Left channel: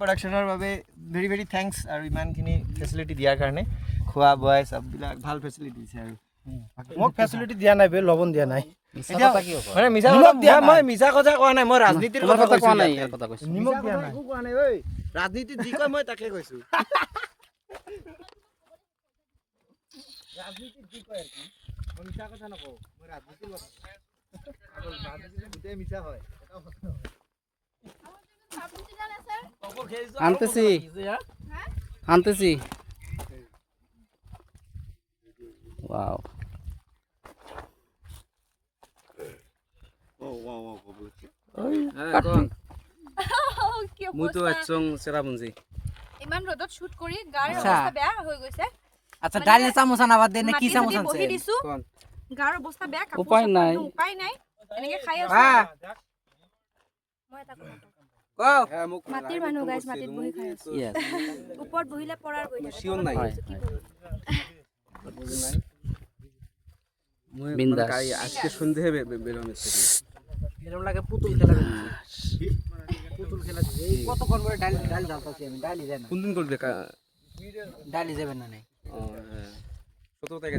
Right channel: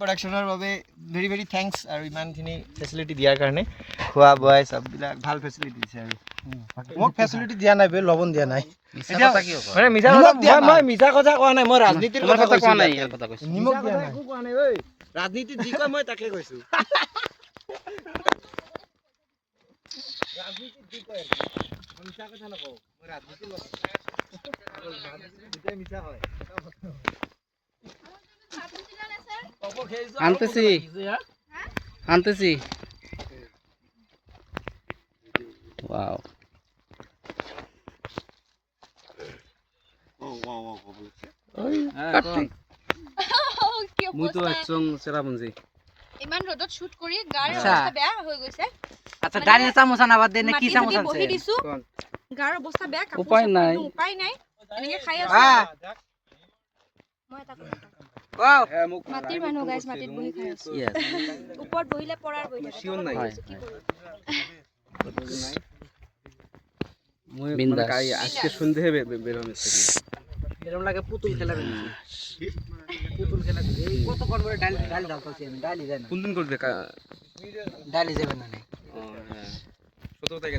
প্ৰডাকশ্যনৰ বাবে ভেৰি ভেৰি থেংকছ আৰু ইমানখিনি ফেচিলিটি দিয়াৰ কাৰণে খোৱা বোৱাই চববিলাক ভাল ফেচিলিটি দিছে আৰু মোক ফেচিলিটি দিয়া নাই বে লবণ দিয়া নাই মানে মিছা কথা কোৱা নাই মই ৰাজনীতিৰ কথা কোৱা নাই ইয়াৰ কথা কৈছো নিমখ দিয়া নাই একো কোৱা নাই ঐ ৰাজনীতি যি কয় মই তাকে কৈছো ৰাজনীতি যি কয় মই মিছা কথা নকওঁ মই ৰাজনীতিৰ কথা ৰাজনীতি দুটাই মিছা হয় আনতেছি ওয়াও মই তো একচং চেৰাপুঞ্জি ইমান ৰ'দত শুট কৰি গাৰ অৱস্থা বেয়া হৈ গৈছে আচ্ছা ডাইলে চামোচা নাবাদ দে নে কি চামোচা বহি দিছো গাৰ অৱস্থা বেয়া উপায় নাই এনেকে খাই আছো মই এটা মাটিৰ মানুহ গাইছ মাটিত বহি খাই আছো ওপৰত বহিলে পৰাৰ বহি শিওন নাই মই বিন্দাস আজকে সন্ধ্যে বেরোনো এরকম লাগে পুতুল খেলা এই কত কোন করে ডালি জ্বালতাছি আমি ডালি যায় না কোন দিন করবে ডালি যাবে না ও হ্যাঁ 17 তারিখ